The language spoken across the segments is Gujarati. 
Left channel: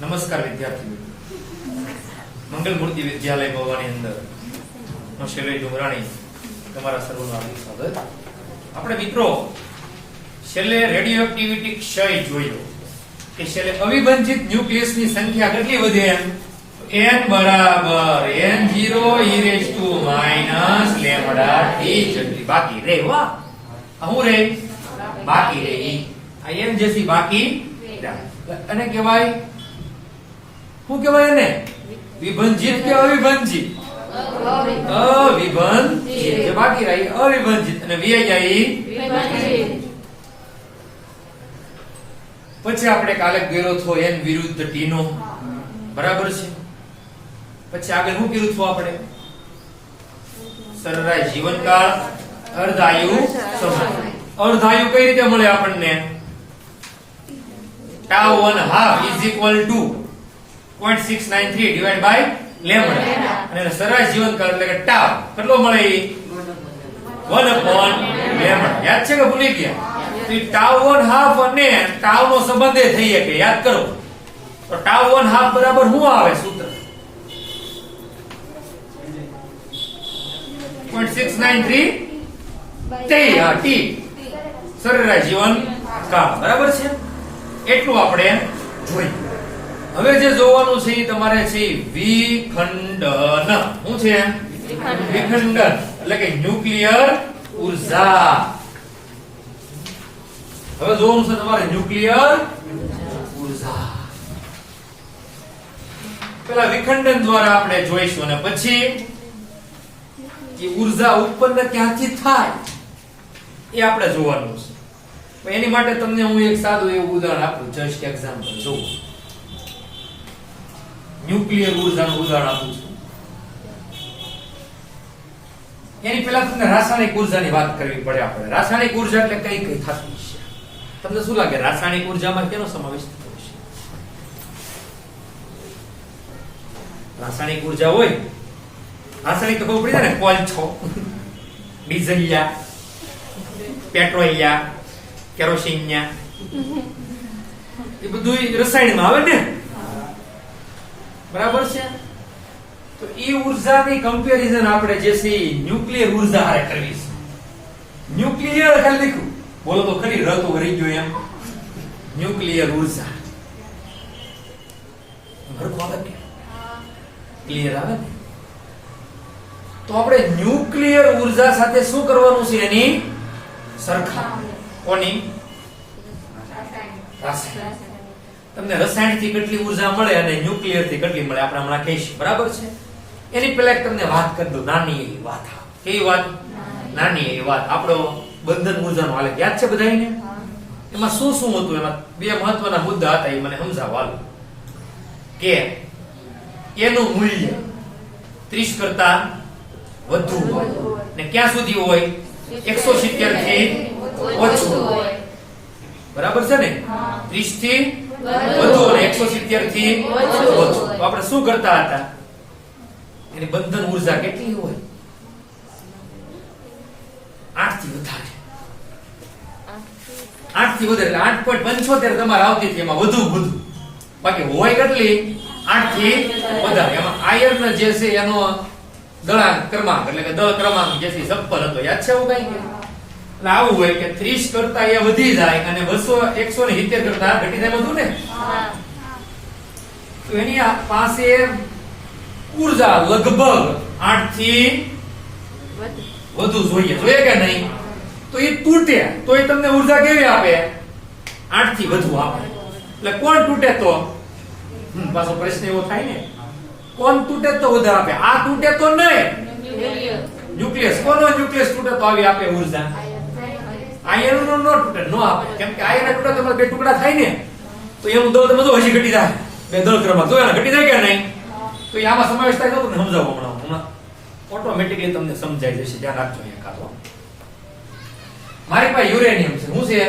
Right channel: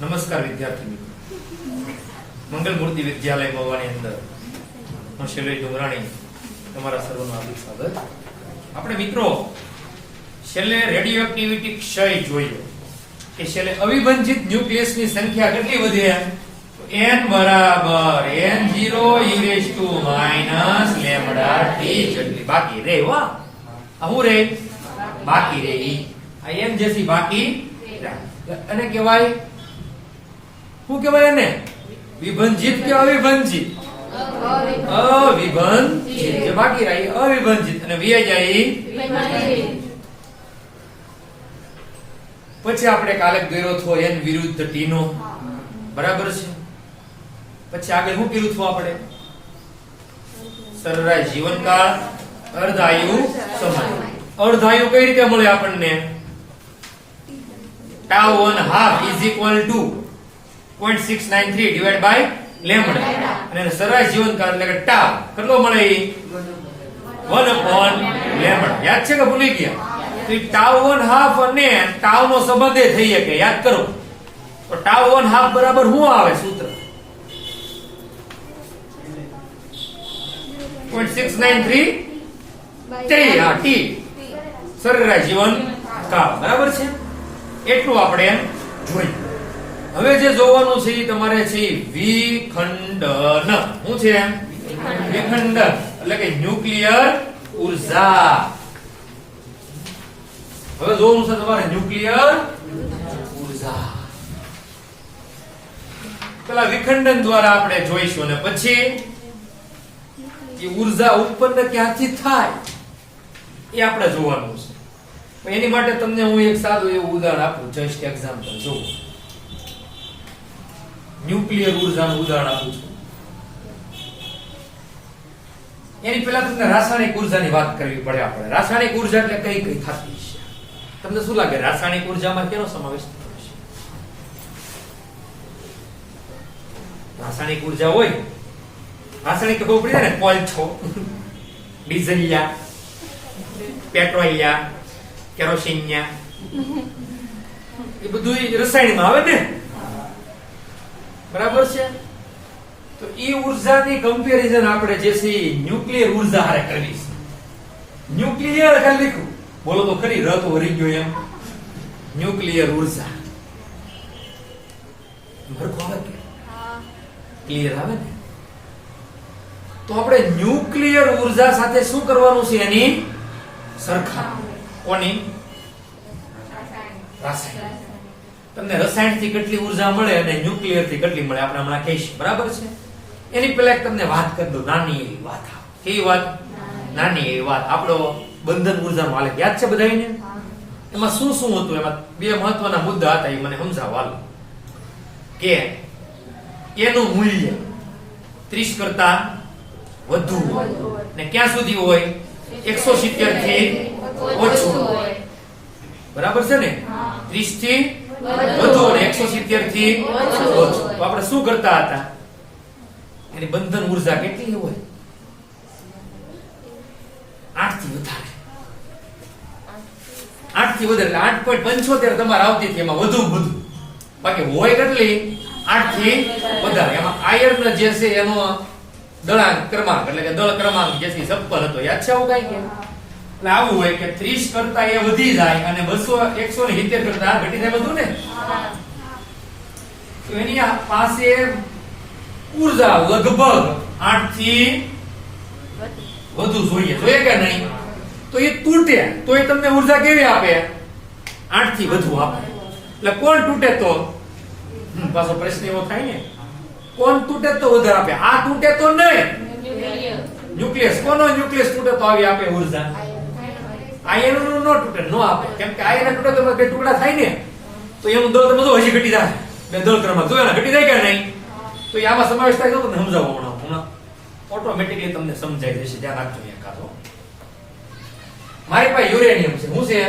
નમસ્કાર વિદ્યાર્થી મિત્રો, મંગલ મૂર્તિ વિદ્યાલય ભવાની અંદર હું શૈલેષ ડુંગરાણી તમારા સર્વનું હાર્દિક સ્વાગત. આપણે મિત્રો છેલ્લે રેડિયો એક્ટિવિટી ક્ષય જોયો કે છેલ્લે અવિભાજિત ન્યુક્લિયસની સંખ્યા કેટલી વધે n બરાબર n0 e λt જેટલી બાકી રહે. વાહ, શું રહે? બાકી રહે. આ n જેસી બાકી અને કહેવાય શું કહેવાય? એને વિભાજિત કે અવિભાજિત? અવિભાજિત. જે બાકી રહી અવિભાજિત અને વી જાય વિભાજિત. પછી આપણે કાલે ગયો થો n વિરુદ્ધ t નો, બરાબર છે. પછી આગળ શું કર્યું હતું આપણે? સરેરાશ જીવનકાળ, અર્ધાયુ સમય. અર્ધાયુ કઈ રીતે મળે આપણને? tau 1/2 is equal to 0.693 divided by lambda. અને સરેરાશ જીવનકાળ એટલે કે tau કેટલો મળે? 1/lambda. યાદ છે કે ભૂલી ગયા? તો tau 1/2 અને tau નો સંબંધ થઈ શકે, યાદ કરો. તો tau 1/2 બરાબર શું આવે સૂત્ર? 0.693 t. સરેરાશ જીવનકાળ, બરાબર છે. એટલું આપણે જોયું. હવે જે જોવાનું છે એ તમારે છે વિખંડન. શું છે? વિખંડન એટલે કે ન્યુક્લિયર ઉર્જા. હવે જોવાનું છે તમારે ન્યુક્લિયર ઉર્જા. પેલા વિખંડન દ્વારા આપણે જોઈશું અને પછી એ ઉર્જા ઉત્પન્ન ક્યાંથી થાય એ આપણે જોવાનું છે. એની માટે તમને હું એક સાદું એવું ઉદાહરણ આપું, જસ્ટ એક્ઝામ્પલ. જો ન્યુક્લિયર ઉર્જાનું ઉદાહરણ આપું છું. એની પહેલા તમને રાસાયણિક ઉર્જાની વાત કરવી પડે. આપણે રાસાયણિક ઉર્જા એટલે કઈ કઈ થતી છે? તમને શું લાગે રાસાયણિક ઉર્જામાં કેનો સમાવેશ થતો છે? રાસાયણિક ઉર્જા હોય, રાસાયણિક તો ખબર પડી જાય ને, કોલસો, ડીઝલિયા, પેટ્રોલિયા, કેરોસીનિયા, એ બધું રસાયણમાં આવે ને, બરાબર છે. તો એ ઉર્જાની કમ્પેરિઝન આપણે જે છે ન્યુક્લિયર ઉર્જા હારે કરવી છે. ન્યુક્લિયર ખાલી લખ્યું, બોલો તો ખરી, ર તો વરી ગયો એમ. ન્યુક્લિયર ઉર્જા હરખું આવે ને, ક્લિયર આવે ને. તો આપણે ન્યુક્લિયર ઉર્જા સાથે શું કરવાનું છે? એની સરખામણી. કોની? રાસાયણિક. તમને રસાયણ થી કેટલી ઉર્જા મળે અને ન્યુક્લિયર થી કેટલી મળે આપણે હમણાં કહીશું, બરાબર છે. એની પહેલા તમને વાત કરી દઉં, નાની એવી વાત. કેવી વાત? નાની એવી વાત. આપણો બંધન ઉર્જાનો આલેખ યાદ છે બધાને? એમાં શું શું હતું? એમાં બે મહત્વના મુદ્દા હતા, એ મને સમજાવવાનું. કે એનું મૂલ્ય 30 કરતા વધુ હોય ને ક્યાં સુધી હોય? 170 થી ઓછું હોય, બરાબર છે ને? 30 થી વધુ અને 170 થી ઓછું. તો આપણે શું કરતા હતા? એની બંધન ઉર્જા કેટલી હોય? 8 થી વધારે. 8 થી વધારે 8.75 તમારે આવતી હતી. એમાં વધુ વધુ બાકી હોય કેટલી? 8 થી વધારે. એમાં આયર્ન જે છે એનો દળાંક ક્રમાંક એટલે કે દળ ક્રમાંક જેથી સપ્પર હતો, યાદ છે આવું કઈ? એટલે આવું હોય કે 30 કરતા એ વધી જાય અને 170 કરતા ઘટી જાય બધું ને. તો એની પાસે ઉર્જા લગભગ 8 થી વધુ જોઈએ કે નહીં? તો એ તૂટે તો એ તમને ઉર્જા કેવી આપે? 8 થી વધુ આપે. એટલે કોણ તૂટે તો? પાછો પ્રશ્ન એવો થાય ને, કોણ તૂટે તો વધારે આપે? આ તૂટે તો નહીં, ન્યુક્લિયસ. કોનો ન્યુક્લિયસ તૂટે તો આવી આપે ઉર્જા? આયર્ન નો ન તૂટે, નો આપે. કેમ કે આયર્ન તૂટે તો બે ટુકડા થાય ને, તો એનું દળ તમે તો હજી ઘટી જાય. બે દળ ક્રમાંક તો એના ઘટી જાય કે નહીં? તો એ આમાં સમાવેશ થાય તો સમજાવો હમણાં ઓટોમેટિકલી તમને સમજાઈ જશે. ધ્યાન રાખજો. એકાદો મારી પાસે યુરેનિયમ છે. શું છે?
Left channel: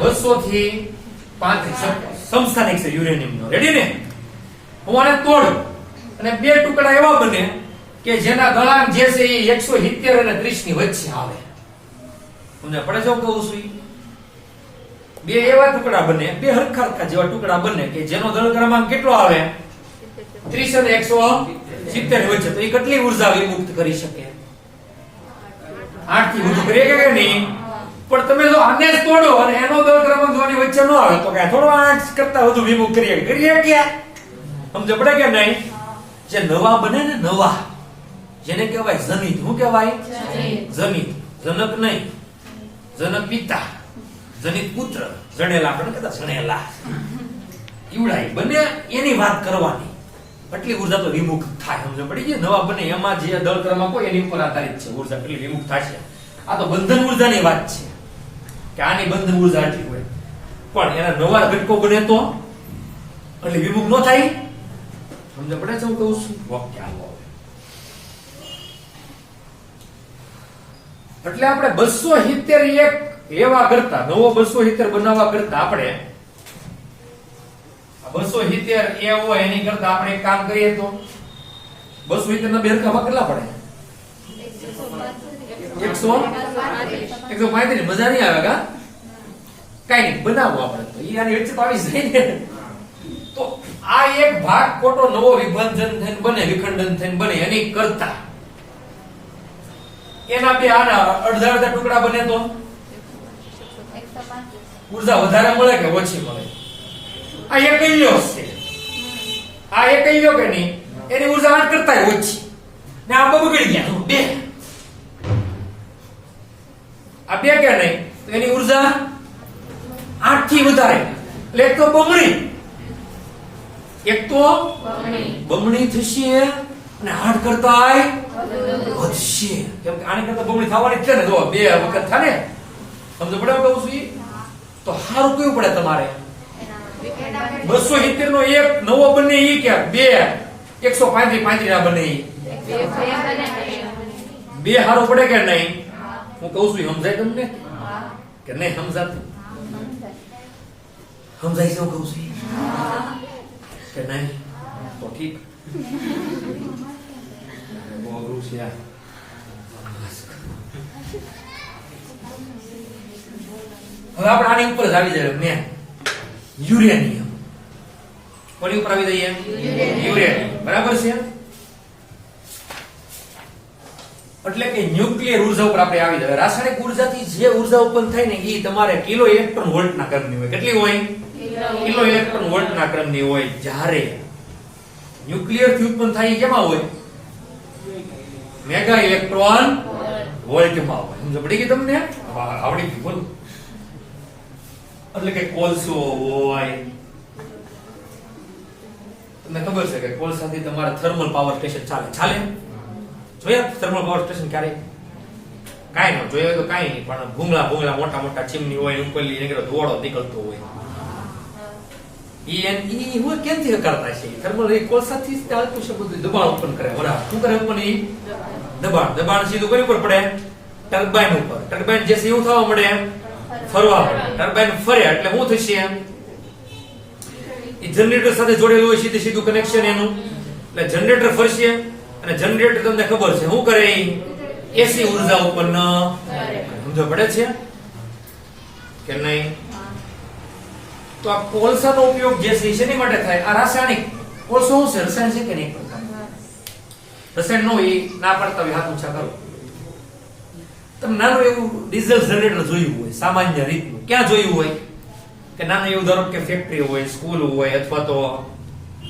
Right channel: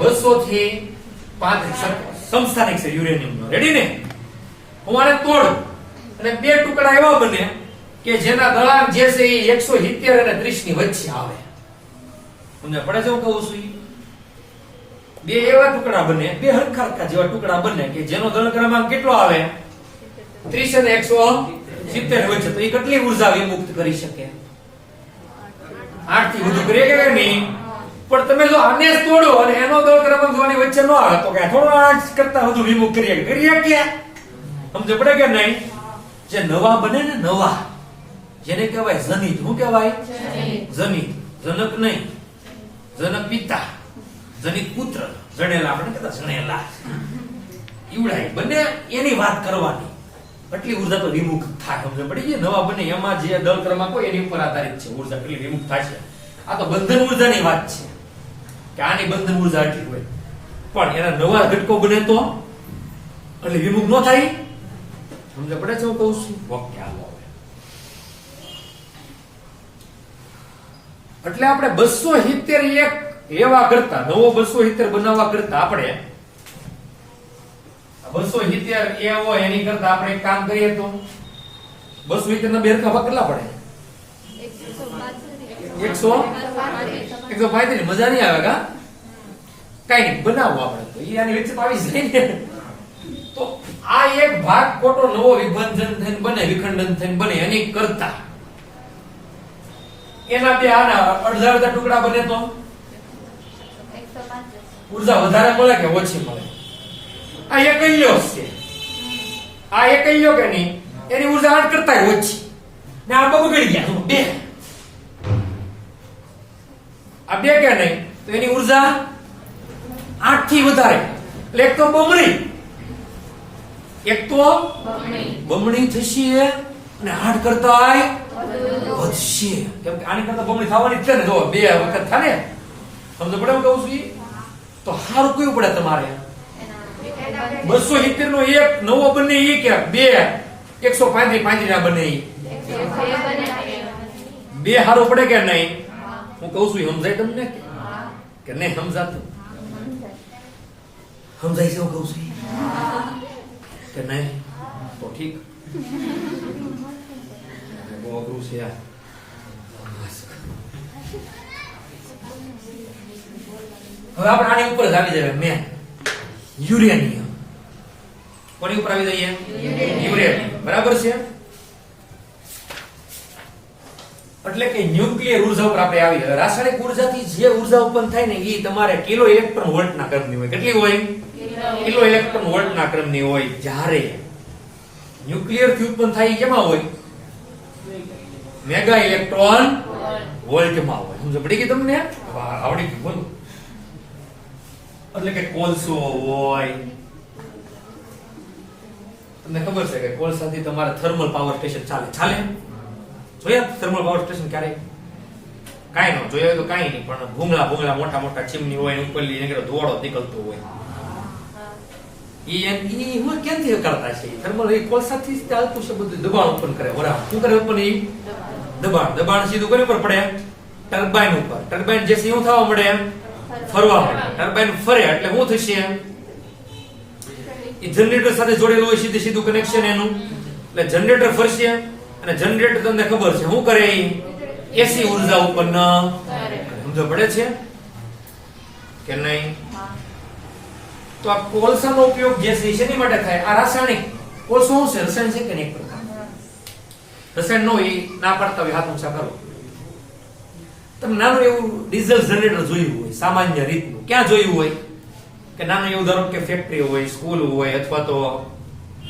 200 થી 35 સમસ્થાનિક છે યુરેનિયમ નો. રેડી ને? હું આને તોડું અને બે ટુકડા એવા બને કે જેના દળાંક જે છે એ 170 અને 30 ની વચ્ચે આવે. તમને પડે છે હું કહું છું? બે એવા ટુકડા બને, બે હરખા જેવા ટુકડા બને કે જેનો દળ ક્રમાંક કેટલો આવે 30 અને 170 વચ્ચે, તો એ કેટલી ઉર્જા વિમુક્ત કરી શકે? 8 થી વધુ કરી શકે કે નહીં? પણ તમે જો આને જ તોડો અને એનો દળ ક્રમાંક જો આની વચ્ચે ન આવે તો કે થોડો 8 કરતા વધુ વિમુક્ત કરીએ કે સમજ પડે કે નહીં? જે નવા બને ને નવા, જેને કહેવાય જનિત. શું કહેવાય? જનિત. જનક નહીં, જનક પિતા, જનિત પુત્ર, જણેલા આપણે કહેતા જણેલા ઈવડાય બને એની વાત કરવાની. એટલી ઉર્જા તો વિમુક્ત થાય. સમજ પડી? જે નવા બને એમાં જે દળ ક્રમાંક હોય એની ઉપર આધારિત છે ઉર્જા કેટલી વિમુક્ત થાય છે. આ તો બંધન ઉર્જાની વાત છે કે આની બંધન ઉર્જા એટલી હોય, પણ એના નવા ઘટકો બને તો એટલે વિમુક્ત ન થાય. સમજ પડે છે? હું કહું છું વાક્ય આવો. એટલે આપણે 271 એવા કરતા નવો 270 બનાવવા કરતા આપણે 270 એવો એની કરતા આપણે એક કામ કરીએ તો 270 ના બે હરખા કેટલા પડે? 135. મજા નહીં આવે કા? કઈ નહીં, બનાવો આપણે તો આની વચ્ચે આવી જાય ને. તો આ એક ભાગ ખોટો નવો વિભાજન થઈને બને, વિખંડન થઈને બને એની કરતા એના બે આના અડધા ટુકડા બને તો ઉર્જા વધારે મળે કે ઓછી મળે? આ એકલ્યો છે, આ એકલ્યો કે નહીં, એની ઉર્જા 8 કરતા ઓછી ને આ બગડી ગયા બે. આ બે કે નહીં તો એની ઉર્જા 8 થી વધારે, એટલે એક તો બમણી, એક તો બમણી થશે અને 8 કરતા વધશે. આની કરતા બમણી થવાની છે ને, જો બે વખત થાય ને. સમજ પડે એમ કહું છું? તો સારું કયું પડે તમારે 270 નો એક નવો બને ઈ કે બે 135 ના બને ઈ બે સારો પડે કે નહીં? હું કહું છું સમજાય તમને કે નહીં સમજાતું? સમજાય છે? હું કહું છું કે નહીં? તો ઠીક. બહુ છે આ. હવે આપણે આની ઉપર આવી જાય મેં યુરેનિયમ. કોની ઉપર આવી જઈએ? યુરેનિયમ. બરાબર છે? એટલે કે ન્યુક્લિયર ઉર્જા ઉપર આપણે આવી જાય. રાસાયણિક ઉર્જાથી જે ઉર્જા ઉત્પન્ન થાય ને એ તમારે કિલો ઇલેક્ટ્રોન વોલ્ટના ક્રમની હોય. કેટલી હોય? કિલો ઇલેક્ટ્રોન વોલ્ટના ક્રમની હોય. જ્યારે ન્યુક્લિયર થી ઉત્પન્ન થાય એ કેમાં હોય? મેગા ઇલેક્ટ્રોન વોલ્ટમાં હોય. સમજ પડી ગઈ તમને? આવડી ગયું. બોલો. એટલે કે કોલસો હોય, તમને ખબર છે કે કોલસાથી તમારે થર્મલ પાવર સ્ટેશન ચાલે. જોયા થર્મલ પાવર સ્ટેશન ક્યારે? કાંઈ ન જોયા તો કાંઈ નહીં, પણ ભૂંગળા મોટા મોટા ચીમની હોય, ઉપરલી નીકળે ધોવાળો નીકળતો હોય. ઈ હું કેમથી કરતા છે? થર્મલ એ કોલસાથી ચાલતું છે બધું. દબાણ ઉત્પન્ન કરે. બરાબર. શું કરે ઉત્પન્ન? ઈ દબાણ સીધું કરી ઉપર પડે ટર્બાઇન ઉપર. ટર્બાઇન જે શું થવા મળે? ફરવા મળે. ટર્બાઇન ફરે એટલે શું થશે? એ જનરેટર સાથે જોડેલું હોય, સીધું કનેક્શન એનું. એટલે જનરેટર ફરશે અને જનરેટર તમને ખબર છે શું કરે? એસી ઉર્જા ઉત્પન્ન સમજ પડે છે કે નહીં? તો આ કોલસાનો ઉપયોગ જે છે શેની માટે થાય? આ રાસાયણિક કોલસો શું છે? રસાયણ છે કે નહીં? રસાયણ નો ના પડતા હોય હાથ ઊંચા કરો. તમે નાનું એવું ડીઝલ જનરેટર જોયું હોય સામાન્ય રીતનું. ક્યાં જોયું હોય? કે નાનું એવું ધારો કે ફેક્ટરી હોય, સ્કૂલ હોય, અથવા તો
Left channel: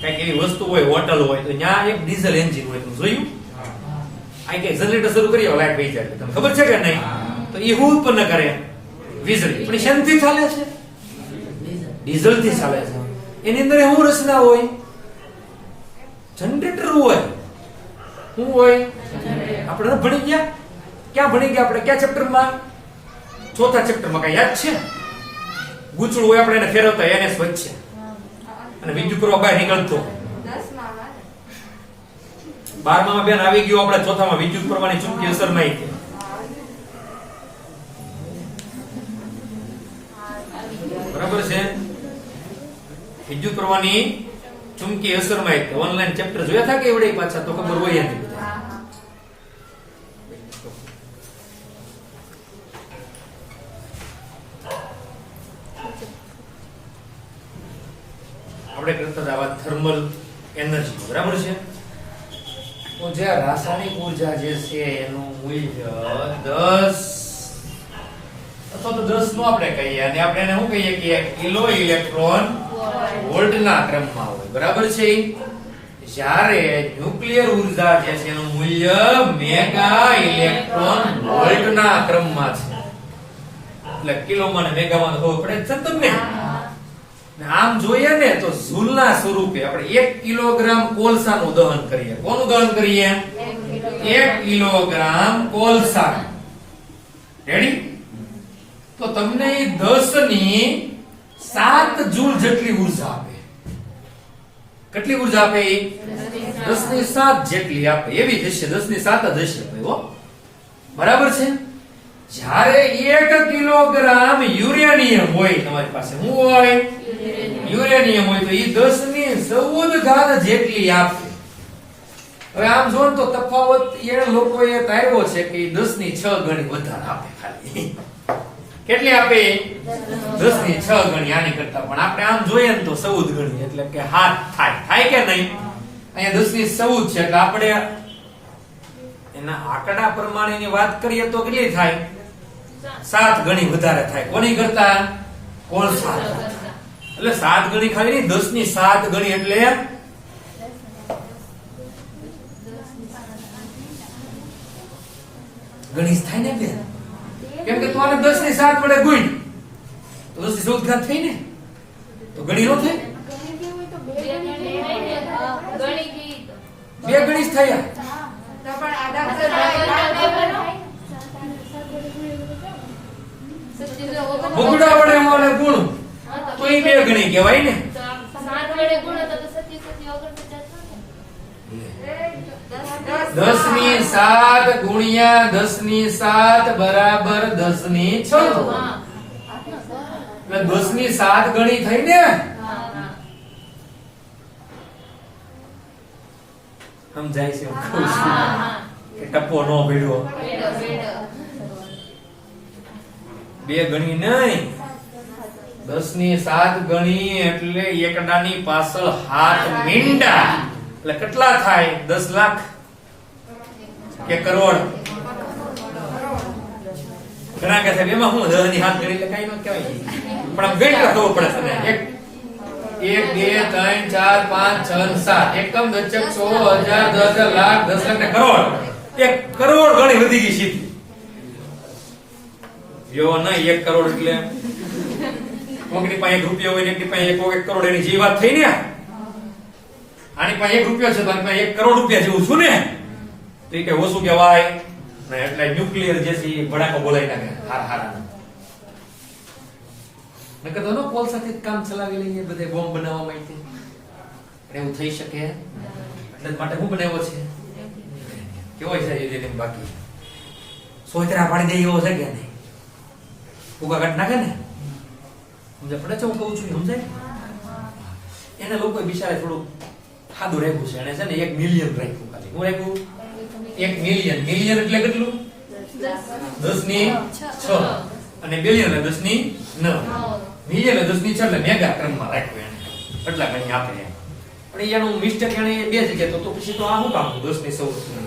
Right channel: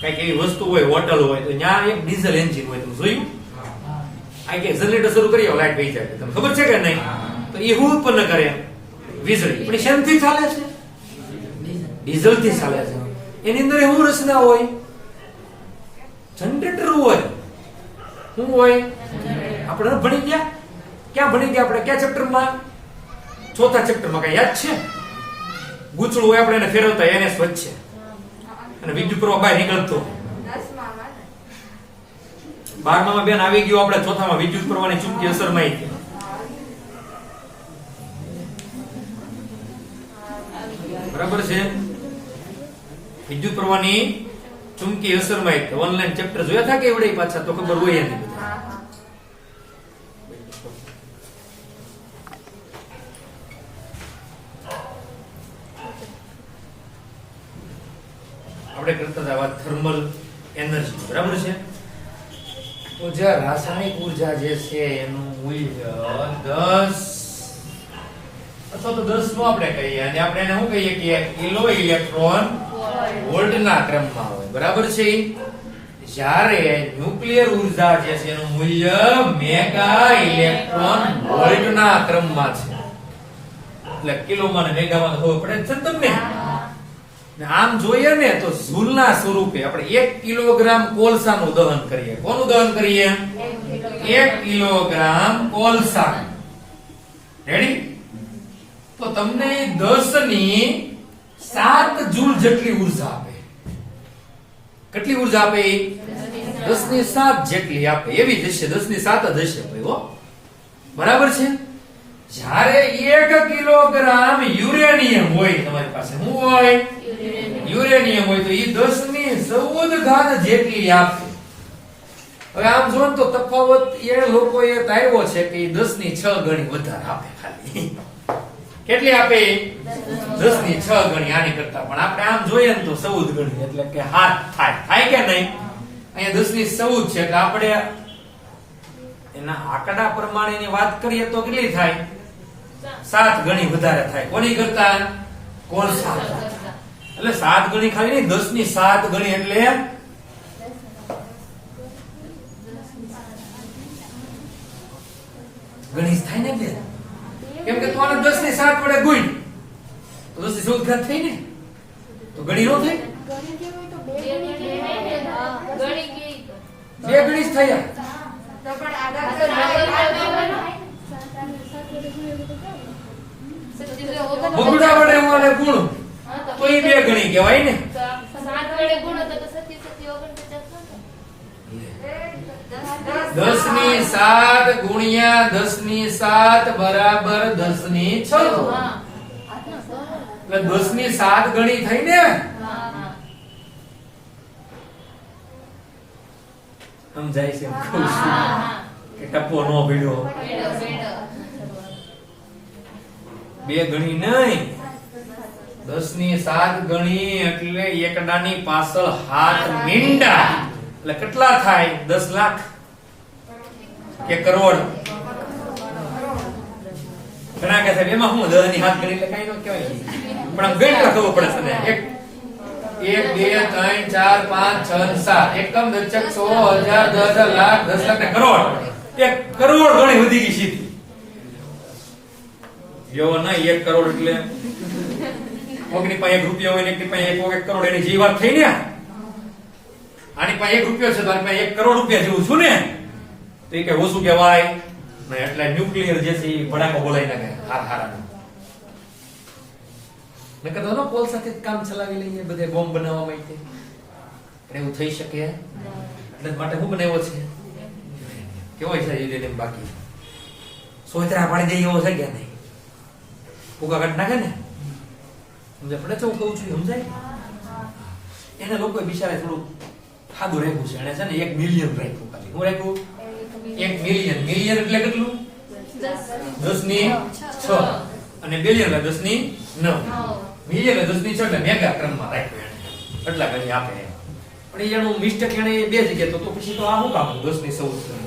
કઈક એવી વસ્તુ હોય, હોટલ હોય, તો ત્યાં એક ડીઝલ એન્જિન હોય. તમે જોયું? આ કે જનરેટર શરૂ કરી લાઈટ વહી જાય. તમને ખબર છે કે નહીં? તો એ શું ઉત્પન્ન કરે? વીજળી. પણ શેનથી ચાલે છે? ડીઝલ થી ચાલે છે. એની અંદર શું રચના હોય? જનરેટર હોય. શું હોય? આપણે ભણી ગયા. ક્યાં ભણી ગયા આપણે? કયા ચેપ્ટરમાં? ચોથા ચેપ્ટરમાં. કઈ યાદ છે? ગૂંચળું હોય, આપણે એને ફેરવતા એને વચ્ચે અને વિદ્યુત પ્રવાહ બહાર નીકળતો. 12માં બેન આવી ગયો. આપણે ચોથામાં વિદ્યુત પ્રવાહની ચુંબકીય અસરમાં બરાબર છે? વિદ્યુત પ્રવાહની ચુંબકીય અસરમાં ઓનલાઈન ચેપ્ટર જોયા હતા કે એવડે પાછા? તો ખબર હોય એની. આપણે કરતા હતા વાત થર્મલ એનર્જી, બરાબર છે? તો જે રાસાયણિક ઉર્જા જે છે એનું મૂલ્ય 10 અથવા તો 10 નો આપણે કહીએ, અને આપણે એને શું કહીએ કે કિલો ઇલેક્ટ્રોન વોલ્ટના ક્રમમાં હોય, બરાબર છે? જ્યારે ન્યુક્લિયર ઉર્જા જે છે એનું મૂલ્ય મેગા ઇલેક્ટ્રોન વોલ્ટના ક્રમમાં છે. એટલે કિલોમાં ને મેગામાં ખબર પડે છે તમને. આમ જોઈએ ને તો જૂલના સ્વરૂપે આપણે 1 કિલોગ્રામ કોલસાનું દહન કરીએ. કોનું દહન કરીએ? 1 કિલોગ્રામ કોલસા. રેડી? તો તમને 10 ની 7 જૂલ જેટલી ઉર્જા આપે. કેટલી ઉર્જા આપે? 10 ની 7 જેટલી આપે. એવી જ હશે, 10 ની 7 જ હશે ભાઈ, હો. બરાબર છે? જ્યારે 1 કિલોગ્રામ યુરેનિયમ હોય તમારી પાસે, શું હોય? યુરેનિયમ હોય, તો એ 10 ની 14 ઘાત જેટલી આપશે. હવે આમ જો તો તફાવત એ લોકોએ તાર્યો છે કે 10 ની 6 ગણી વધારે આપે. ખાલી કેટલી આપે? 10 ની 6 ગણી આની કરતા. પણ આપણે આમ જોઈએ ને તો 14 ગણી, એટલે કે 7 થાય કે નહીં? અહીંયા 10 ની 14 છે, એટલે આપણે એના આંકડા પ્રમાણેની વાત કરીએ તો કેટલી થાય? 7 ગણી વધારે થાય. કોની કરતા? કોલસા. એટલે 7 ગણી ખાલી નહીં, 10 ની 7 ગણી એટલે ગણી થાય ને બે. કેમ કે તું આને 10 ની 7 વડે ગુણ તો 10 ની 14 ઘાત થઈ ને, તો ગણી નો થઈ? બે ગણી જ થયા. બગડા વડે મારે ગુણ તો એ બે ગણી કહેવાય ને. 10 ની 7 ગુણ્યા 10 ની 7 બરાબર 10 ની 6. એટલે 10 ની 7 ગણી થઈ ને. સમજાય છે? કે ટપ્પો નો ભીડો. બે ગણી નહીં, 10 ની 7 ગણી એટલે એકડાની પાછળ 7 મીંડા. એટલે કેટલા થાય? 10 લાખ કે કરોડ? ઘણા કહે છે એમાં હું 10 ની 7 ગણી એટલે કઈ નો કહેવાય, પણ આમ ગણતા ખબર પડે છે ને. 1 2 3 4 5 6 7 એકમ દશક 100 1000 10 લાખ 10 લાખ ને કરોડ. 1 કરોડ ગણી વધી ગઈ સીધી. એવો ના 1 કરોડ એટલે કોકની પાસે 1 રૂપિયો હોય ને એકની પાસે 1 કરોડ, એની જે વાત થઈ ને. આની પાસે 1 રૂપિયો છે તો આની પાસે 1 કરોડ રૂપિયા જેવું છું ને, તો એ કઈ ઓછું કહેવાય ને. એટલે ન્યુક્લિયર જે છે એ ભડાકો બોલાઈ નાખે હારા. નકર તો કોલસાથી કામ ચલાવી લઈએ બધે બોમ્બ બનાવવા માટે. એવું થઈ શકે એટલે માટે હું બનાવ્યો છે કેવો છે એ બાકી સોચરા પાડી દે એવો છે કે નહીં? ફૂગા કાઢ નાખે ને. સમજાય પડે છે હું કહું છું? સમજાય? એને લોકો બિચારે થોડું ખાધું રાખ્યું છે. એને છે ને 1 મિલિયન રાખ્યું. ખાલી હું રાખ્યું? 1 મિલિયન. મિલિયન એટલે કેટલું? 10 ની 6 અને બિલિયન એટલે 10 ની 9. મિલિયન એટલે 10 ની 6 એટલે મેગા ક્રમમાં રાખ્યું એને. એટલા ઘણી આપે એમ. પણ એનું મિસ્ટેક એને બે જગ્યાએ તો પછી તો આ શું કામ 10 ની 14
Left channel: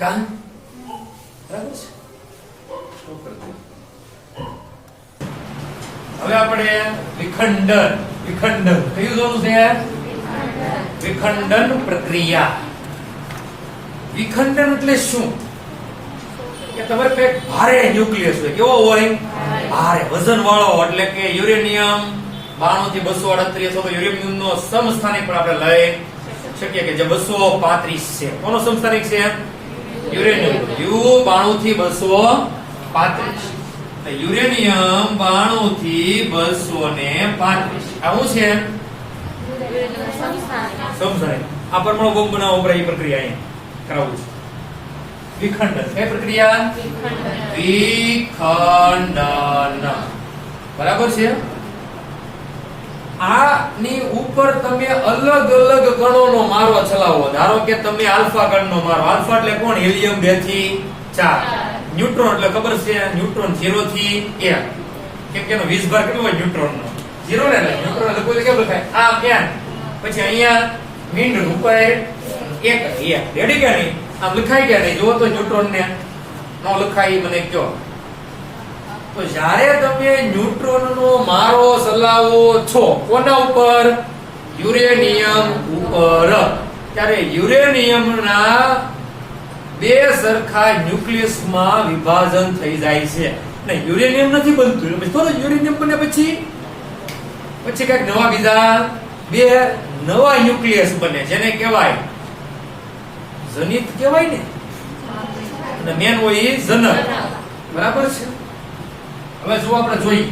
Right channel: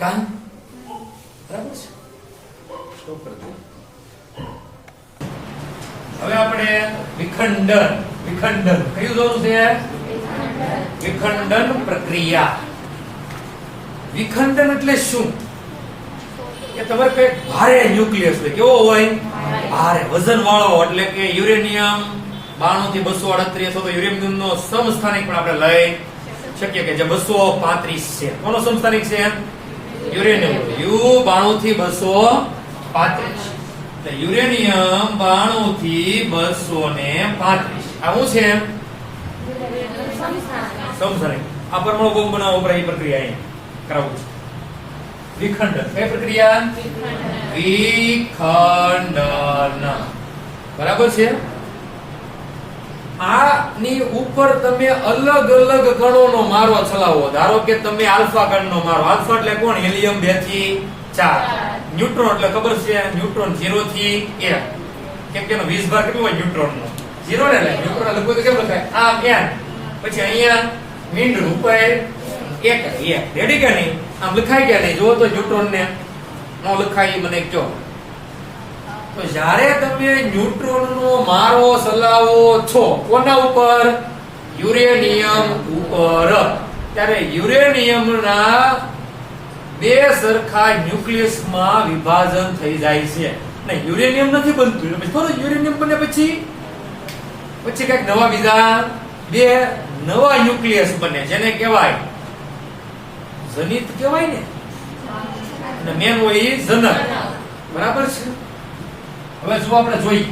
કામ બરાબર છે. શું કરતું? હવે આપણે વિખંડન કયું જોવાનું છે યાર? વિખંડન પ્રક્રિયા. વિખંડન એટલે શું? કે તમારે કઈ ભારે ન્યુક્લિયસ હોય. કેવો હોય? ભારે વજન વાળો. એટલે કે યુરેનિયમ 92 થી 238 તો યુરેનિયમ નો સમસ્થાનિક પણ આપણે લઈ શકીએ કે જે 235 છે. કોનો સમસ્થાનિક છે? યુરેનિયમ. યુ 92 થી 235. યુરેનિયમ 92 થી 235 આવું છે સમજાય. આ પરમાણુ બોમ્બ બનાવવા ઉપર એ પ્રક્રિયા અહીં કરાવું છું. વિખંડન. કઈ પ્રક્રિયા? વિખંડન. બરાબર છે. આની ઉપર તમે અલગ અલગ કણોનો મારો ચલાવો. ધારો કે તમે આલ્ફા કણનો મારો. આલ્ફા એટલે કોણ? હિલિયમ 2 થી 4. ન્યુટ્રોન એટલે ખબર છે? ન્યુટ્રોન 0 થી 1. કેમ કે એનો 20 ભાગ કેટલો હોય ન્યુટ્રોન નો? 0 ને એટલે ન્યુટ્રોન લખવું તો કેમ લખાય આમ n પછી અહીંયા મીંડું ઉપર એક રેડી કે નહીં આમ લખાઈ ગયા નહીં જુઓ તો ન્યુટ્રોન ને નો લખાય એ મને કયો તો જ્યારે તમે ન્યુટ્રોન નો મારો ચલાવો છો કોના ઉપર યુરેનિયમ ઉપર ત્યારે યુરેનિયમના બે સરખા ન્યુક્લિયસમાં વિભાજન થઈ જાય છે ને યુરેનિયમ નથી બનતું એટલે થોડું યુરેનિયમ બને પછી કઈક નવા બીજા બે નવા ન્યુક્લિયસ બને જેને કહેવાય જનિત કહેવાય ને અને મેન હોય એ જનક બરાબર છે હવે જો આપણે જોઈએ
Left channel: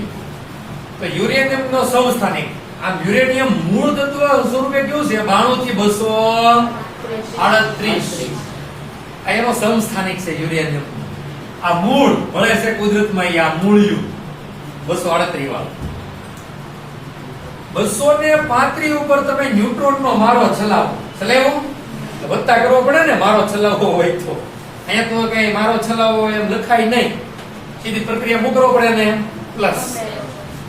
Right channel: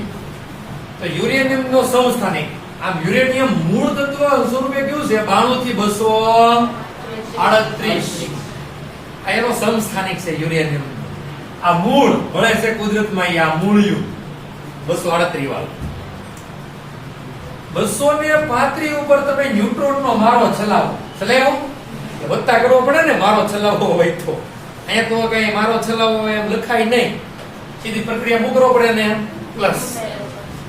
તો યુરેનિયમ નો સમસ્થાનિક આમ યુરેનિયમ મૂળ તત્વ સ્વરૂપે કેવું છે 92 થી 238 આ એનો સમસ્થાનિક છે યુરેનિયમ આ મૂળ મળે છે કુદરતમાં આ મૂળિયું 238 વાળું 235 ઉપર તમે ન્યુટ્રોન નો મારો ચલાવો વત્તા કરવો પડે ને મારો ચલાવવો હોય તો અહીંયા તો કઈ મારો ચલાવવો હોય એમ લખાય નહીં સીધી પ્રક્રિયા મૂકવો પડે ને પ્લસ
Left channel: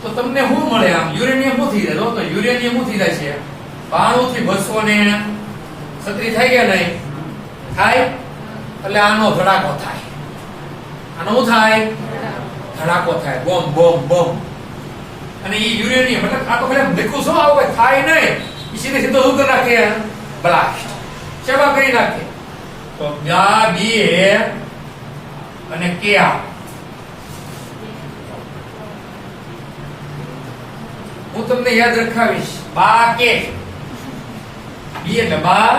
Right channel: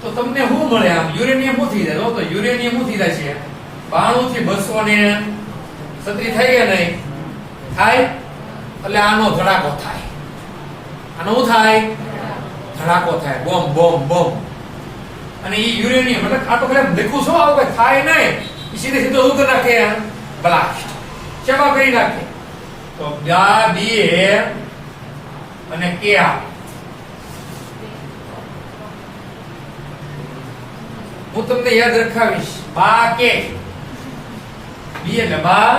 તો તમને શું મળે આમ યુરેનિયમ શું થઈ જાય તો યુરેનિયમ શું થઈ જાય છે 92 થી 236 થઈ ગયા નહીં થાય એટલે આનો ધડાકો થાય આનો શું થાય ધડાકો થાય બોમ્બ બોમ્બ બોમ્બ અને એ યુરેનિયમ એટલે આ તો ખાલી દેખું શું આવું કઈ થાય નહીં સીધે સીધો શું કરી નાખે બ્લાસ્ટ શેમાં કરી નાખે તો ગા બી અને કે હું તમને યાદ રખાવીશ બા કે બી એટલે બા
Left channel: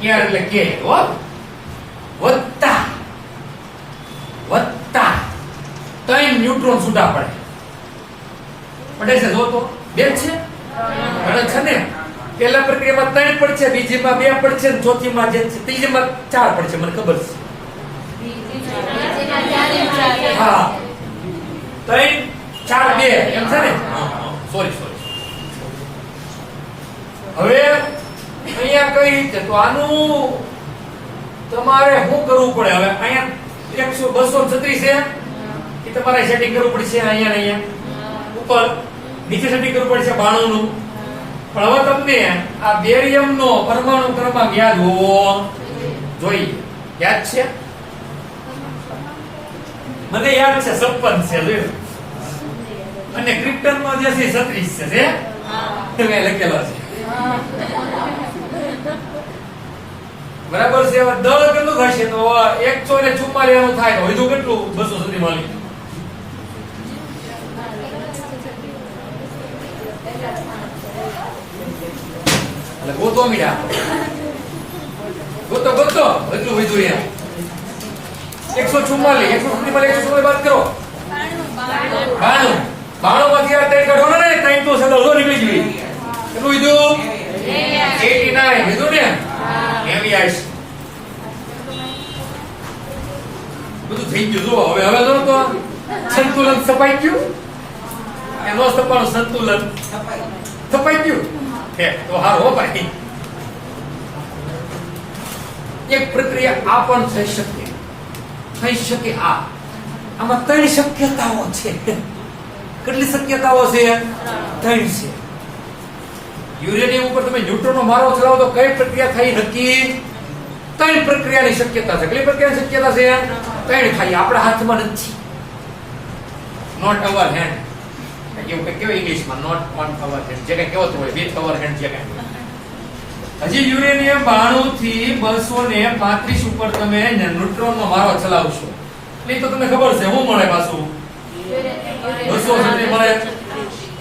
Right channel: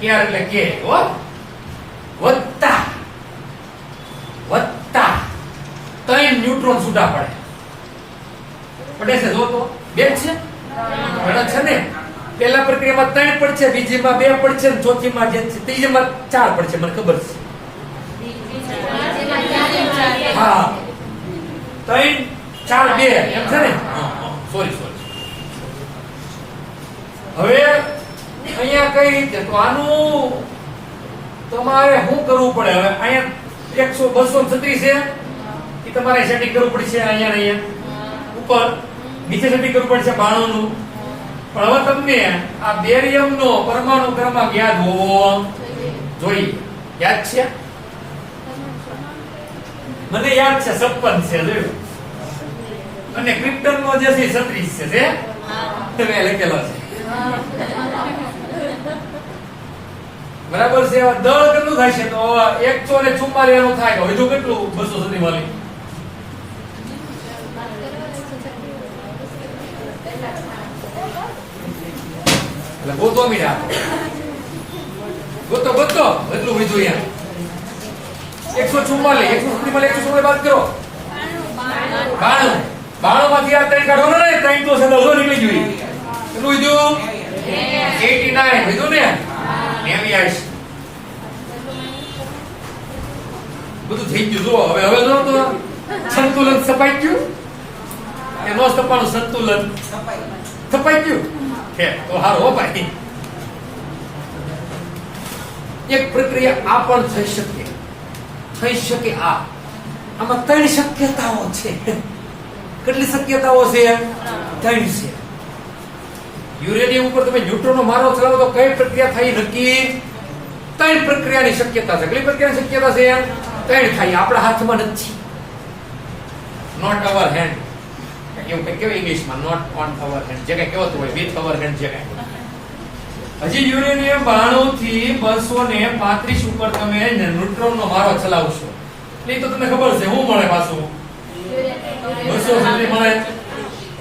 કે એટલે કે હો વત્તા વત્તા 3 ન્યુટ્રોન છૂટા પડે છે જો તો બે છે પડે છે ને પહેલા પ્રક્રિયામાં 3 પડશે બીજીમાં 2 પડશે ને ચોથીમાં જે છે ત્રીજીમાં 4 પડશે મને ખબર છે હા 3 4 2 એમ છે ને સોરી હવે અહીંયા કઈ રીતે તો આનું તમારે શું કરવું પડે હવે અહીંયા 236 છે એ તમારે સેટિંગ કરવું પડશે અહીંયા ને અહીંયા ઉપર નીચે સેટિંગ કરવું પડશે 92 નું પણ હવે તમને આ બેરિયમ નો પરમાણુ ક્રમાંક યાદ હોવો જોઈએ યાદ છે મને યાદ છે 56 છે જોયું અને ક્રિપ્ટન માં જે છે 36 છે તમે લખેલો છે બરાબર છે દળ કેટલું થાય છે તો 144 એનું થાય તો વધુ કેટલું 200 સુધી મળી એટલે ગોતો મીરા ગોતો એટલું વધુ યાર 144 144 બાદ કરો 92 માંથી આ 3 કાઢો ને 3 તો સદા ઓલો નીકળી ગઈ કેટલું વધ્યું 89 વધ્યું ને બધું થઈ ગયું જો હવે તો સંતુલન સપાઈ ગયું એનો સપાનું સંતુલન સપાઈ ગયું છે તો હાર હો ભાઈ એક પ્રક્રિયા આ પણ થઈ શકે આમાં 3 શક્યતાઓ છે કેટલી શક્યતાઓ છે 3 છે યુરેનિયમ ઉપર તમે ન્યુટ્રોન નો મારો ચલાવો તો કઈ પ્રક્રિયા થઈ નક્કી 3 પ્રક્રિયાની શક્યતા છે કઈ પ્રક્રિયાની શક્યતા છે 3 થાય આપણા હાથમાં નથી નોટ અવર હેન્ડ એવું કે કેવું ઇંગ્લિશમાં નોટ ઓન અવર હેન્ડ જે કે કહેવત હોય વિથ અવર હેન્ડ જે કે હજી યુરેનિયમ 92 થી 235 ઉપર તમે ન્યુટ્રોન નો મારો ચલાવશો નહીં તો તમને ખબર છે શું મળે પાછું 200 સુધી મળે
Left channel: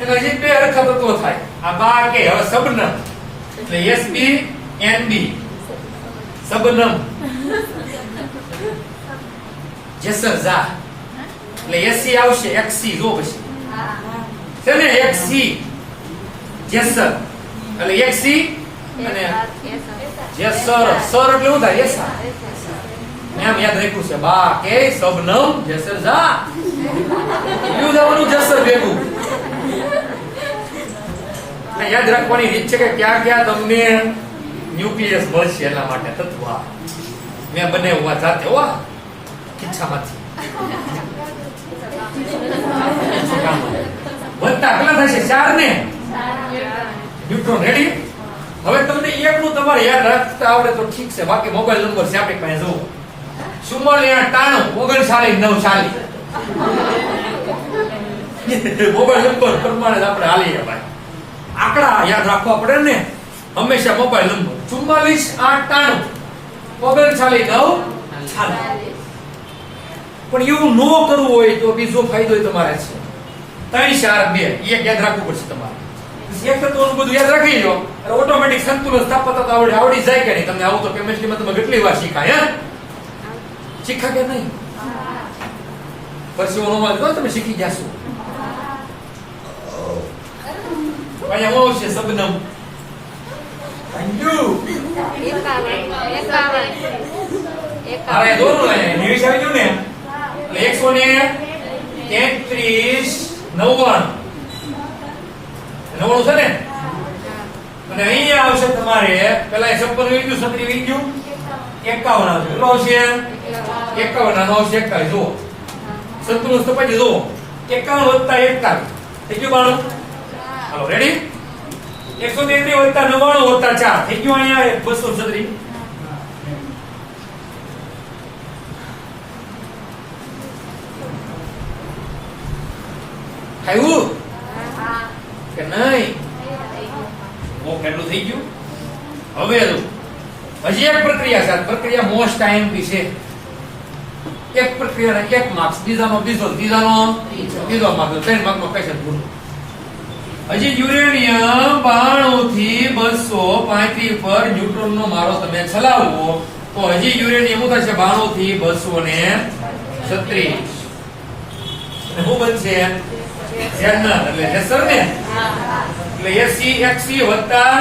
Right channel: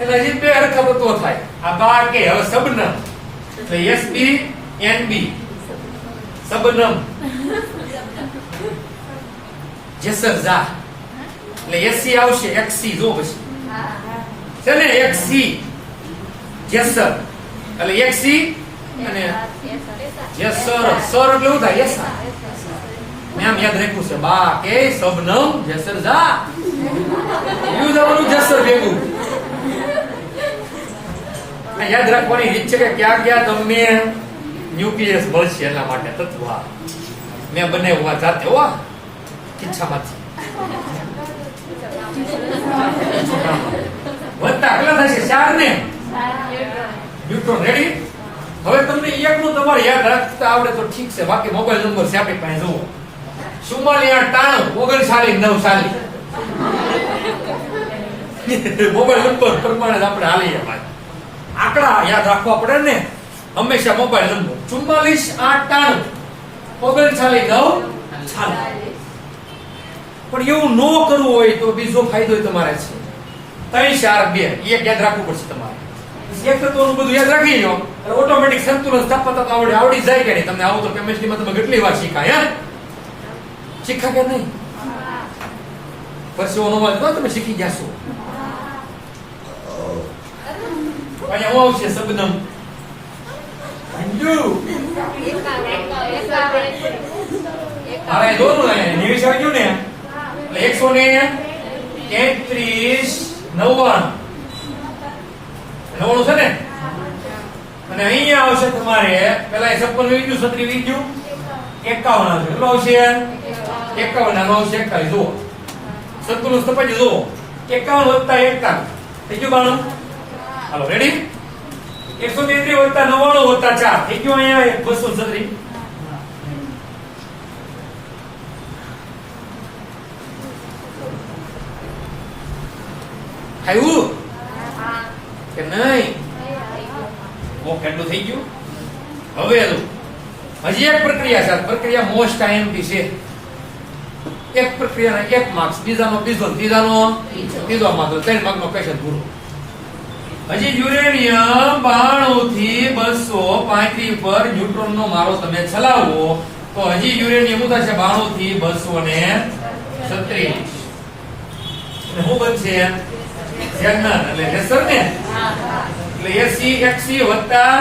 એના હજી 2 હરખા તત્વો થાય આ બા કે હવે સબનમ એટલે Sb Nb સબનમ જેસર જા એટલે Sc આવશે Xc જો પછી છે ને Xc જેસર એટલે Xc અને જેસર સર એટલે શું થાય યસા નામ યાદ રાખ્યું છે બા કે સબનમ જેસર જા યુ જવાનું જેસર ભેગું યાદ રાખવાની રીત છે કે ક્યાં ક્યાં તમને ન્યુક્લિયસ મળશે એટલા માટે તત્વ મેં બનાવ્યા જાતે હો ખીચામાંથી વત્તા કેટલા થશે 4 ને ન્યુટ્રોન. રેડી? હવે તમને એકનું તમારે યાદ રાખતા આવડે તો ઠીક છે, બાકી મોબાઈલ નંબર છે આપણી પાસે જુઓ 44 મોબાઈલ નંબર પ્રમાણે આપણે હાલીએ ભાઈ. આંકડા યાદ રાખવા પડે ને હંમેશા. મોબાઈલ નંબર 44 પણ એવું ન કરવું હોય તો બીજો ફાયદો તમારે છે 3 4 2 એક યાદ રાખવું પડશે તમારે. એક તો બધું યાદ રાખી લો એટલે ઓટોમેટિક સંતુલન સ્થાપકતા આવડી જાય કે નહીં. તમને આવું તો કેમિસ્ટ્રીમાં તમે કેટલી વાર શીખાય શીખા કે નહીં? પરસેવો નો મળે તો તમે શીખી જશો. અહીંયા હું આવશે શબ્દમ અરે દોરું નિવેશ આવી ગયું ને એટલે 133 99 છે ને. અને અહીંયા આવશે તમારે પેલા 56 વી ગયું 37 વી ગયું 51 આવશે. કેટલો આવશે? 51 આનો આવશે 41. જુઓ સંતુલન સ્થપાઈ જુઓ 51 વત્તા 41 થઈ ગયું 92. હાલો રેડી? 133 વત્તા 99 વત્તા 4 થઈ ગયું અહીંયા 236. આવ્યું કે નહીં? કેટલું થઈ ગયું? હવે હજી એક પ્રક્રિયા છે. પ્રક્રિયા મોસ્ટ આઈએમપી છે. એક પ્રક્રિયાના 1 માર્ક્સ, બીજાનો બીજો, ત્રીજાનો ત્રીજો માર્ક્સ, 3 માર્કનો ક્વેશ્ચન પૂરું. હજી યુરેનિયમ 92 થી 235 પર ન્યુટ્રોનનો મારો તમે ચલાવો તો હજી યુરેનિયમ શું થશે? 92 થી 236. શું બનશે? જેનર એટલે લેસર ને. એટલે SC વત્તા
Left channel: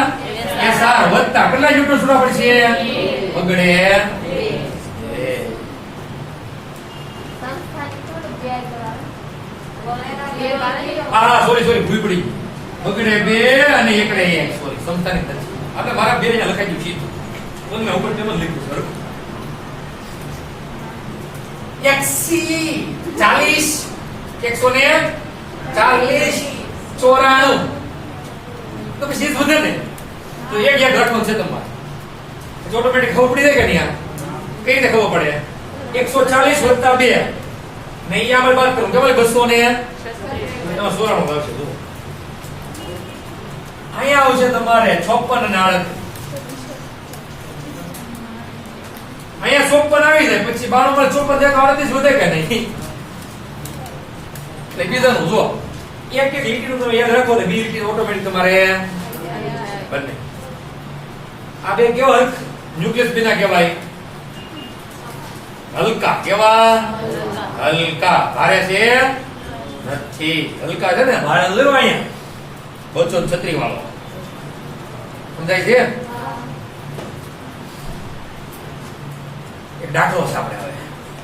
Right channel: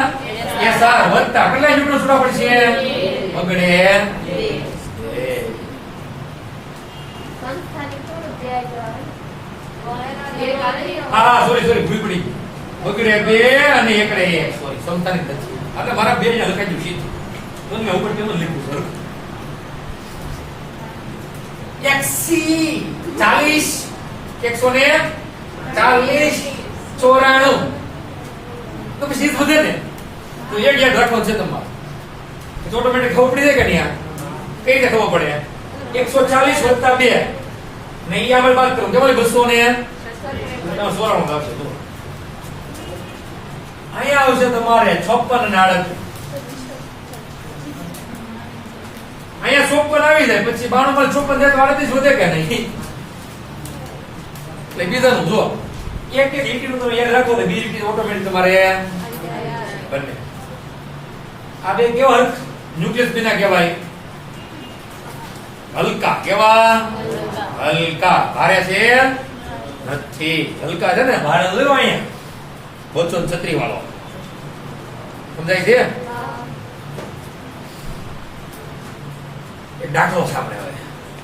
SR વત્તા કેટલા ન્યુટ્રોન છૂટા પડશે? બગડે 2. સોરી ભૂલ પડી. બગડે 2 અને એકડે 1. સોરી સમતાની નથી. એટલે મારા 2 ને લખાઈ ગયું સીધું. મને ઉપર તેમ જ લખ્યું સર. XC 40 140 94 તો પછી સીધ વધે ને. તો એક યાદ રાખવાનું છે તમારે. ઓટોમેટિક ખબર પડી જાય કે નહીં? કઈ રીતે ખબર પડે? 140 વત્તા 2 ને ઈ આપણે બાદ કરું તમારી 200 ને 94 આવશે. અહીંયા આવશે તમારે 56 અને 38. અહીંયા 54 આવી જાય પછી 92 માં 54 જાય તો 38 વધે કે નહીં? એટલે બીજાનું જો એક લીટીનું તમે યાદ રાખો તો બીજી લીટી ઓટોમેટિક તમારે બને. આ બે કેવા ન્યુક્લિયસ બિના કહેવાય હલકા. કેવા? હલકા. ભારે છે નથી. હલકા છે ને. ભારે લો અહીંયા 236 વાળો સમજાય છે? એક દાખલો સાંભળે હવે.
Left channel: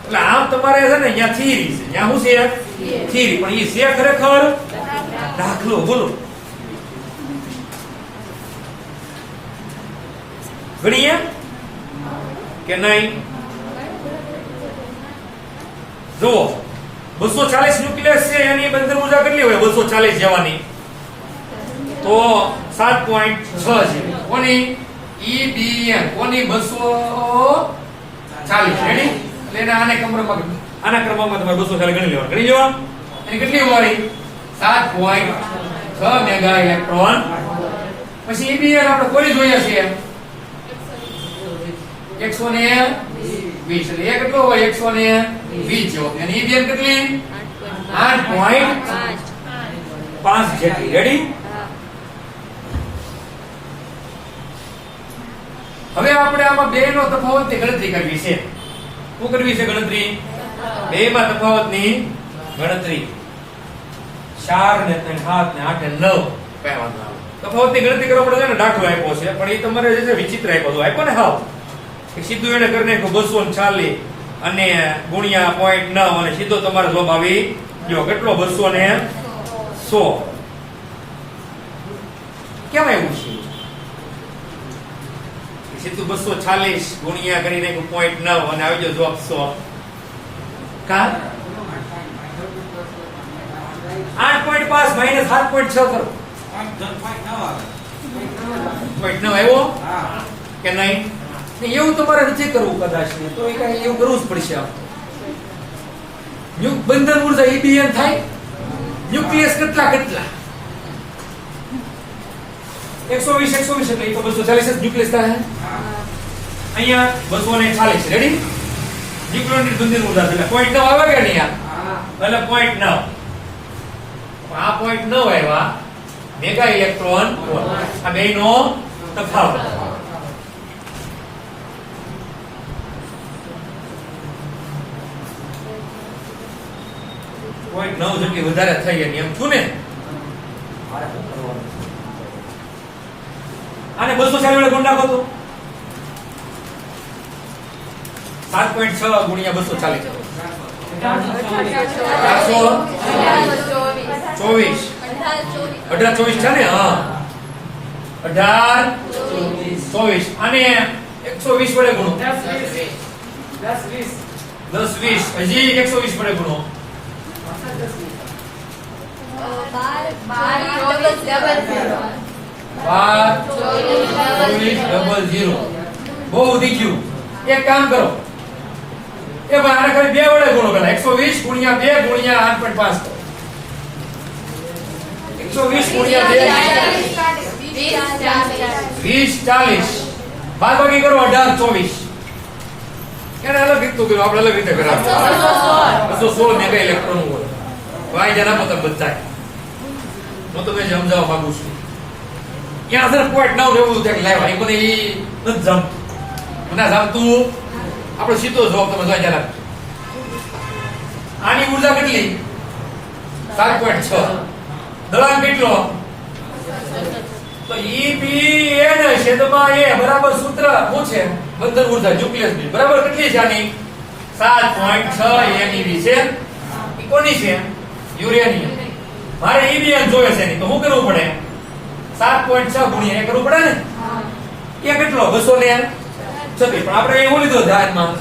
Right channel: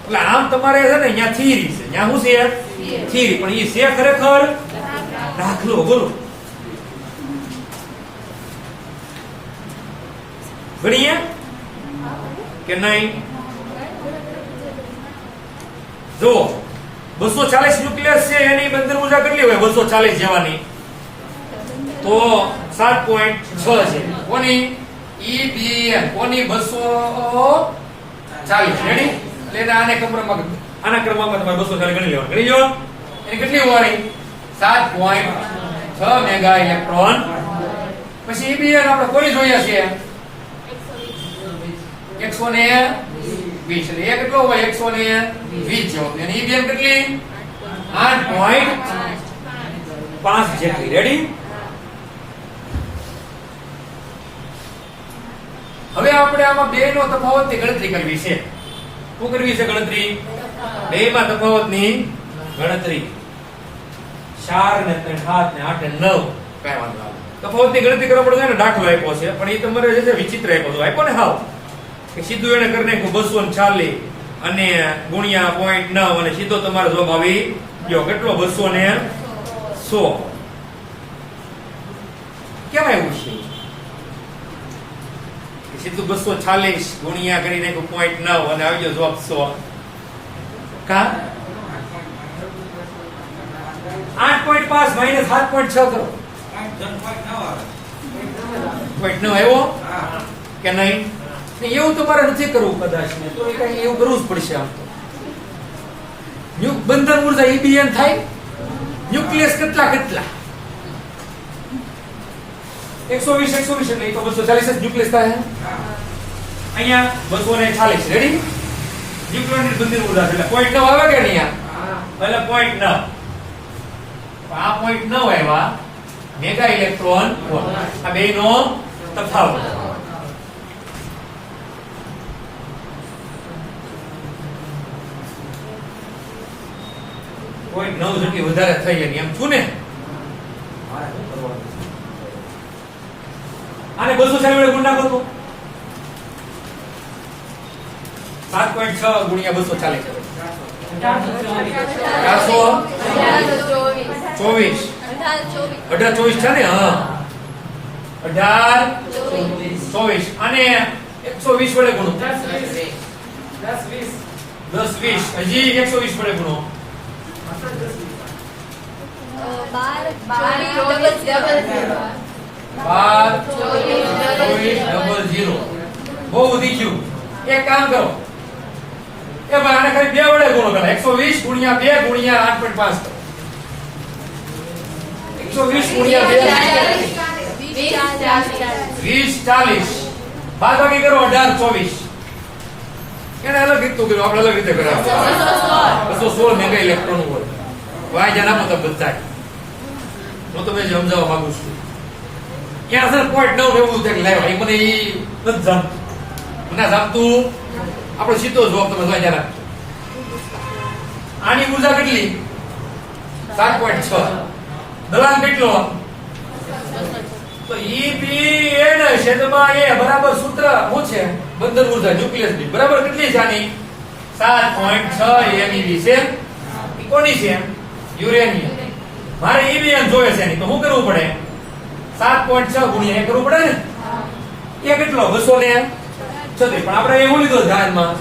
એટલે આમ તમારે છે ને અહીંયા થિયરી છે. ત્યાં શું છે? થિયરી. પણ એ છે ખરેખર દાખલો. બોલો ગણીએ કે નહીં? જુઓ 240 ન્યુક્લિયસ છે એની બંદર ઊર્જા કેટલી હોય? 240 જવાની તો 7.6 છે. કોની? EBN. કોની? 240. રેડી? એટલે એને આના ક્રમાંકમાં તમારે 240 ગણી લેવાનું. ગણી જો એની કેટલી હોવાની? 7.6 મેગા ઇલેક્ટ્રોન. પછી EBN આપણે કોઈ જોયા છે 120. એટલે એ કેટલો હોય? 120 જેવો. અને EBN કેટલી? 8.5 જેટલી. રેડી? હવે આપણે આમાં બે નો તફાવતની ગણતરી કરવી છે. શું કરવી છે ગણતરી? બે માં તફાવતની ગણતરી. 4 ને 3 7 ને 8 ને 9 કઈ વાંધો આવે. તફાવતની ગણતરી કરવા પડે ને. દાખલો આપ્યો છે પણ એ તમારે જે છે વિચિત્ર આપ્યો ને હાવ કે સીધું એને કરી નાખ્યું 240 અને ગુણ્યા 0.9 અને સીધો તમારો જવાબ આવી ગયો. કેટલો? 216. કેમ આવ્યું છે? સીધું 240 ગુણ્યા કરી નાખ્યું 0.9 અને આવી ગયો જવાબ 100. કા 8.5 5 માઇનસ 7.6 કરો. પોઈન્ટ 9 આવ્યો કે નહીં? એવું તમારે નથી કરવું કદાચ, તો એ કઈ એવું કરવું જ પડશે. આમ તો બંધન ઉર્જા EBN થાય. ન્યુક્લિયસ કેટલા 120 એટલે એ તો 240 જ ન્યુક્લિયસ થાય. અહીંયા 240. રેડી? ન્યુક્લિયરની બંધન ઉર્જા એટલે 0.9 આવે કે નહીં? એટલે 0.9. આ 0.9 આવ્યા મેગા ઇલેક્ટ્રોન વોલ્ટ. આ બેનો તફાવત. પોઈન્ટ 9 જેટલી વધારે થઈ એની એમ છું ને. આને 240 વડે ગુણ નાખો તો 7.6 ગુણ્યા 240 કરો. 424. 18 24 છે ને? હા, 18 24. આને 120 વડે ગુણો. 10 20. હજી 120 વડે ગુણો. 12 બહુ વધી ગયું. એક કામ કરો, એ પણ આને ખાલી 2 વડે ગુણો પેલા. 120 ગુણ્યા 2 ગુણ્યા 8.5 કરો. 120 ગુણ્યા 2 20 40. બાદ બાકી કરો 18 24. એને અલગ રીત કર્યું, આપણે અલગ રીતે કરાવ. 216 મેગા ઇલેક્ટ્રોન હોય. વાય જના મતલબ બધાય હું તમને સમજાવવા માંગુ છું. ત્યાં સર 0.9 એવું છે લાવ્યા. એ મને એ નથી જમતું. મને જમતું આપણો સીધો જવાબ તમે જોઈ જરા. આની ઉર્જા કેટલી? 7.6. દબાણ કેટલો? તો EBN છેદમાં A બરાબર સૂત્ર શું છે? બંધન ઉર્જા ન્યુક્લિયસ ની બરાબર કેટલી છે આની? 7.6 MeV છે. એ કોની છે? યુરેનિયમ. મારે EBN જોઈએ છે તો શું કરવું પડે? 7.6 ગુણ્યા એ કરવું પડે ને. એ કેટલો? 236. પણ આપણે એવું લીધો ધ્યાનમાં.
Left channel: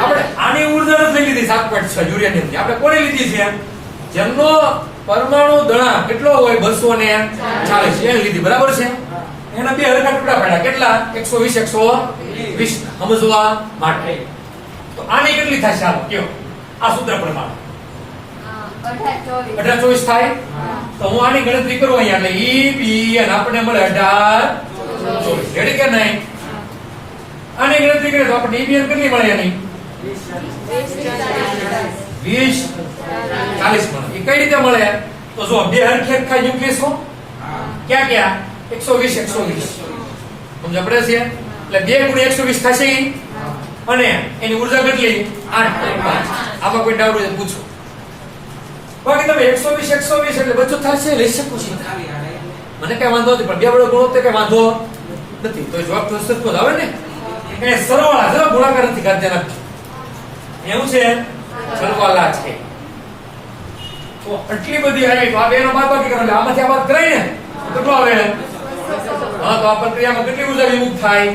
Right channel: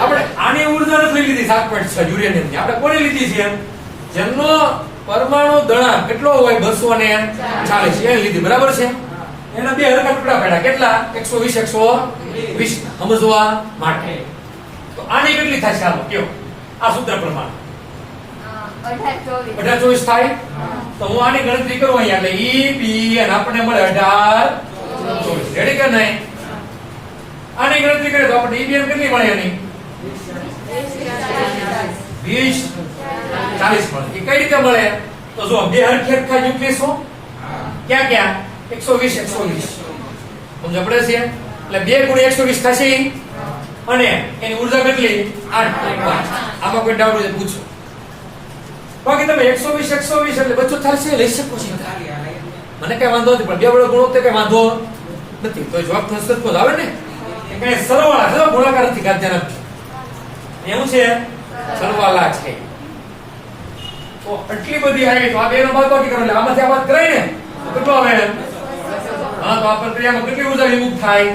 આપણે આની ઉર્જા નથી લીધી 7.6 યુરેનિયમ ની. આપણે કોને લીધી છે? જેમનો પરમાણુ દળાંક કેટલો હોય? 240 એ લીધી. બરાબર છે? એના બે હરખા ટુકડા પડ્યા. કેટલા? 120 120 સમજવા માટે. તો આની કેટલી થાય? ચાલો કયો આ સૂત્ર પ્રમાણે 18 24 થાય. તો હું આની ગણતરી કરું અહીંયા. એટલે EBN આપણને મળે 18 24. રેડી કે નહીં? આની ગણતરી કરીએ તો આપણને EBN કેટલી મળે? એની 20 40 મળે. એ કઈ રીતે મળે? તો જો બે હરખેરખા ન્યુક્લિયસો ક્યાં ક્યાં? 120 120 સમજ પડે છે? એટલે 2 ગુણ્યા 120 થશે. અને એની ઉર્જા કેટલી? 8.5. આમાં કોઈ ડાઉટ હોય પૂછો. બાકી તમે 120 એટલે બચત થશે, લઈ શકો છો. મને કઈ વાંધો નથી, પણ 2 વડે ગુણો તો કઈ વાંધો નથી. તો જવાબ તો સતત આવે ને. કઈ સરવાળા છે, ગુણાકાર નથી કરતા નથી. એવું છે સરવાળા છે. તો આટલી બધી આવી તો આ બે નો બાદ બાકી કરો એટલે આમાંથી આ બાદ કરાય ને કેટલો આવે? હા, તો આ પ્રક્રિયામાં કેટલી ઉર્જા વિમુક્ત થાય?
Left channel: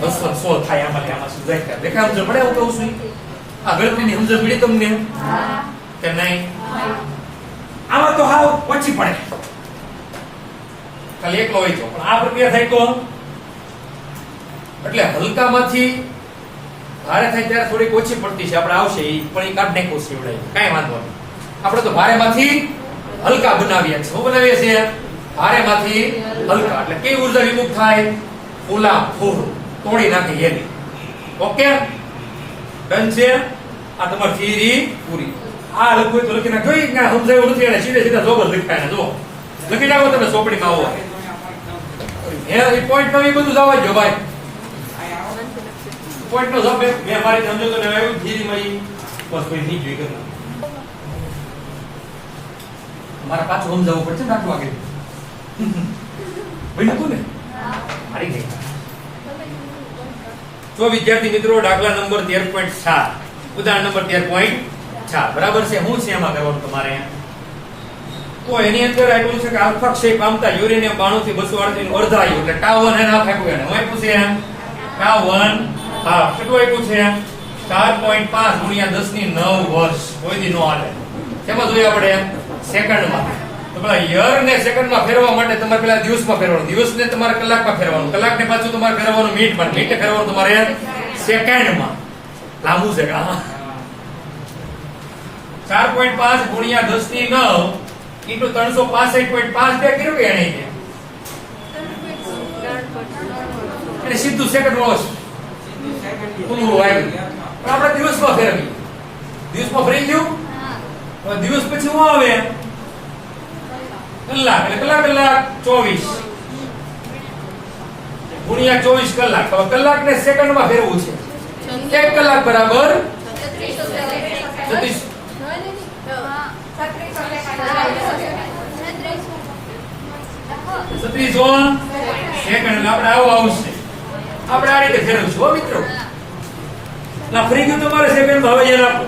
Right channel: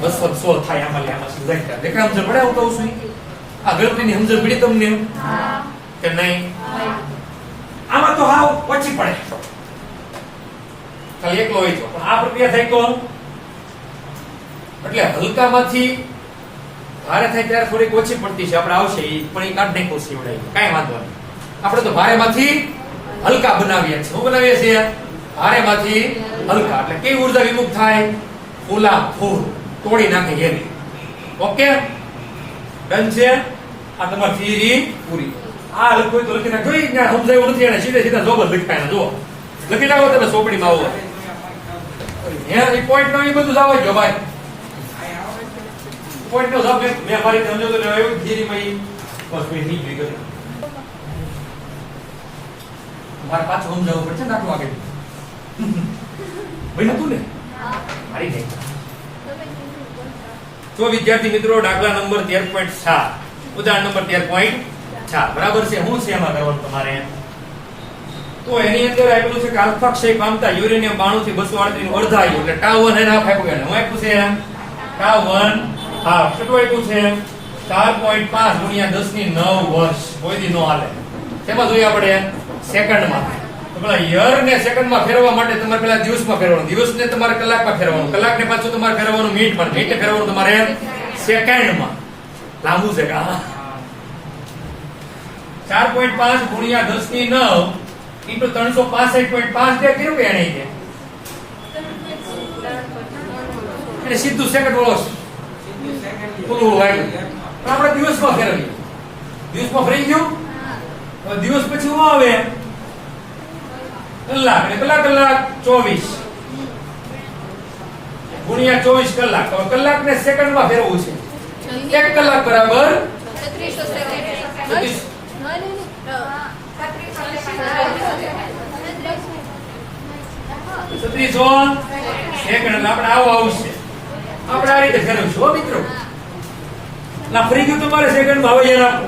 216 થાય. આમાં સમજાય દેખાય સમજ પડે? હું કહું છું આ ગણતરીની સમજ પડી તમને કે નહીં? આમાં તો હાવ ઓછી પડે, ખાલી એકલો હોય છે. પણ આ પ્રક્રિયા થાય તો એટલે હલકામાંથી ભારે થાય ત્યારે થોડીક ઓછી પડતી છે. આપણે આવશે એ પણ એ કાઢ નાખો છે એવડાય, કઈ વાંધો નહીં. આપણે તો ભારેમાંથી હલકા બનાવીએ છીએ. શું બનાવીએ છીએ? ભારેમાંથી હલકા. એટલે કેવી ઉર્જા વિમુક્ત થાય? ફૂલા ફૂલ તોડી નાખે એની. ઓકે, ડન છે. આ તમારી થિયરી પૂરી. આ લખવું તો લખી નાખો. સમજાયું નથી એને સીધે સીધા જોબ જ લખાય. જુઓ લખી નાખો તમે ચોપડીમાં. આવો એ પોઈન્ટ નો એ બધું જવા જો ભાઈ. પોઈન્ટ નો જવાબ મેં મારી સમજો તો આવ્યું થિયરીમાં બસ કોઈ નહીં જોઈ ગયું. મારે પાછું સમજાવવું પડશે ને આટલું વાગે ભાઈ નતું ને હારી ગઈ. તો વિદ્યાર્થી મિત્રો દાખલા નંબર 13.7 ઉદાહરણ નંબર 13.4 બરાબર છે. શું છે એમાં કરવાનું તમારે? તો એની અંદર આપ્યું છે કે આલ્ફા ક્ષય પામતા યુરેનિયમ 92 થી 238 નું અર્ધાયુ એટલે τ1 એને હાફ આપ્યું. એને હું આપ્યું છે τ1 હાફ. કેટલું આપ્યું છે? 4.5 ગુણ્યા 10 ની 9 વર્ષ. કોઈ દી નો હાલે. શેમાં જોયા પડે? સેકન્ડમાં. તો પેલા યર ને સેકન્ડમાં ફેરવવા માટે તમારે પેલા દિવસમાં ફેરવવાનું, દિવસને તમારે કલાકમાં ફેરવવાનું, કલાકને પાછું તમારે ફેરવવાનું મિનિટમાં, મિનિટે ફેરવવાનું તમારે સેકન્ડમાં. લાંબુ છે કા. 4.5 ગુણ્યા 10 ની 9 ઇન્ટુ 365.5 બે કર્યું કે એને એટલે સીધું સેકન્ડ રોસ પૂરું આવ્યું. પણ આપણે દિવસમાં ફેરવીએ, દિવસમાં ફરી ગયું. હવે દિવસ પછી શું આવે? કલાક. એટલે કલાક 24 ગુણ્યા 24 કલાક. હવે કલાકને સેકન્ડમાં ફેરવવું છે. 1 કલાક બરાબર 36 સેકન્ડ. આપણે આવો આવશે, આપણે આ રીતે ફેરવશું હો મિત્રો. ના ફરી ગયું તમારે સેકન્ડ. હવે એને આપો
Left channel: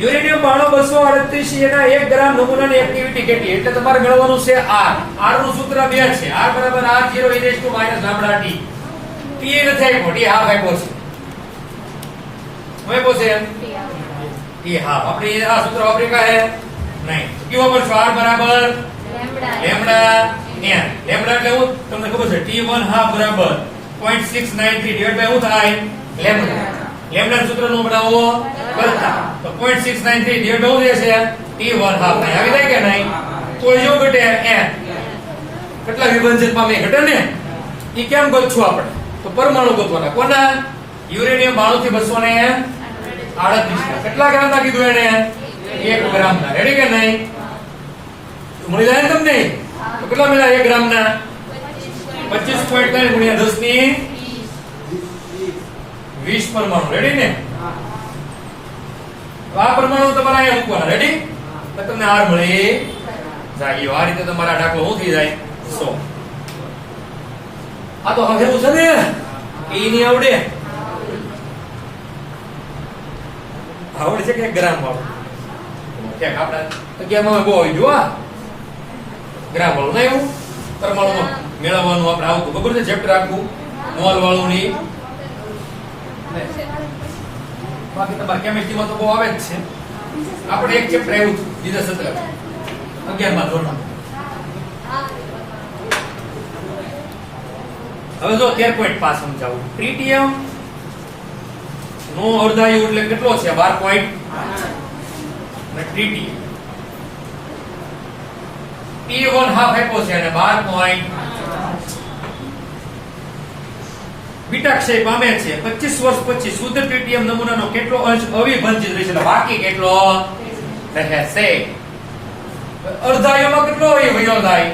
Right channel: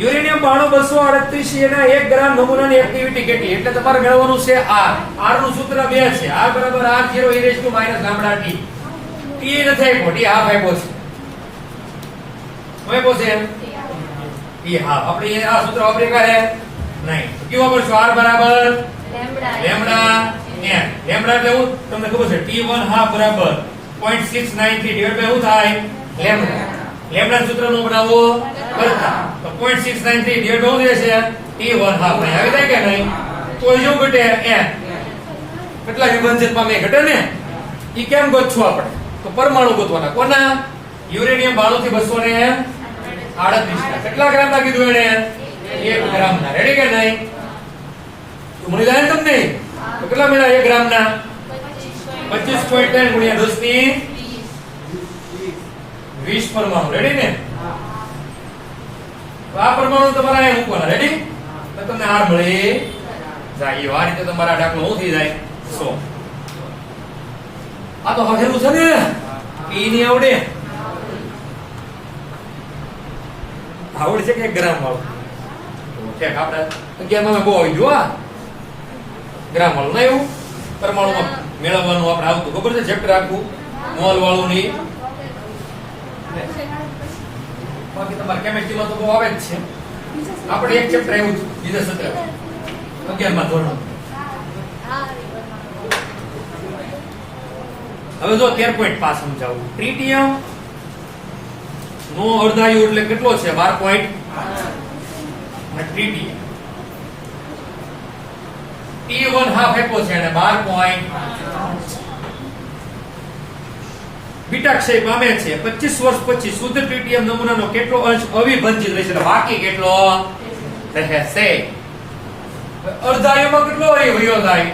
યુરેનિયમ 9238 એના 1 ગ્રામ નમૂનાની એક્ટિવિટી કેટલી? એટલે તમારે મેળવવાનું છે R. R નું સૂત્ર 2 છે. R બરાબર R0 e raised to minus lambda t. T નથી આપ્યો, T હાફ આપ્યો છે. હવે પોસે T હાફ. આપણે આ સૂત્ર વાપરી કરે નહીં. કેવું વાપરશો? R બરાબર લેમ્ડા n. લેમ્ડા એટલે શું તમને ખબર છે? T1 હાફ બરાબર 0.693 ડિવાઇડ બાય શું થાય? લેમ્ડા. લેમ્ડા સૂત્ર નું બનાવો કરતા તો 0.693 ડિવાઇડ બાય શું થશે? T1 half. નહીં આવી જાય કે નહીં? કોઈ જો ઘટે n. કેટલા વિભાજન પામે? ઘટે ને. ઈ કેમ ગોતશું આપણે? તો પરમાણુ ગોતવાના. કોના? યુરેનિયમ 92 થી 238. કેટલા ગ્રામ ના કીધું એને? 1 ગ્રામ ના. રેડી કે નહીં? મળી જાય ને તમને? તો કેટલા મળ્યા 1 ગ્રામ ના? 25.3 ગુણ્યા 10 ની 20 પરમાણુ. રેડી ને? આ પરમાણુ તમારે અહીંયા મૂકવાના. રેડી? તો તમને R મળી જાય. આ રીતે તમારા દાખલો શું થઈ જાય? 100. આ તો હવે એવું છે ને એ નહીં આવડે. આવડે છે કે 1 ગ્રામ આવડે? આપણે અગિયારમાં બહુ આવી જો ગ્રામ વાળું ના એવું પરમાણુમાં મેળવવાનું આપણે આવતું ખબર છે? ચેપ્ટર આખું મોલ વાળું ની. બાકી તમારે કેમિસ્ટ્રીમાં તો બહુ આવે જ છે. આપણે એક ચેપ્ટર આવ્યું બીજા સત્ર 11મા ધોરણ. હવે જો 13.5 સમજાવું. ટ્રિટિયમ નો અર્ધાયુ એટલે કેટલો છે? 12. ટ્રિટિયમ T1 હાફ આપ્યો છે અને 12. બીટા ક્ષય પામે છે. 25 વર્ષ પછી શુદ્ધ ટ્રિટિયમ નમૂનાનો કેટલો અંશ અવિભાજિત રહેશે? બાકી કેટલો રહેશે? અર્ધાયુમાં કેટલો વયો થાય?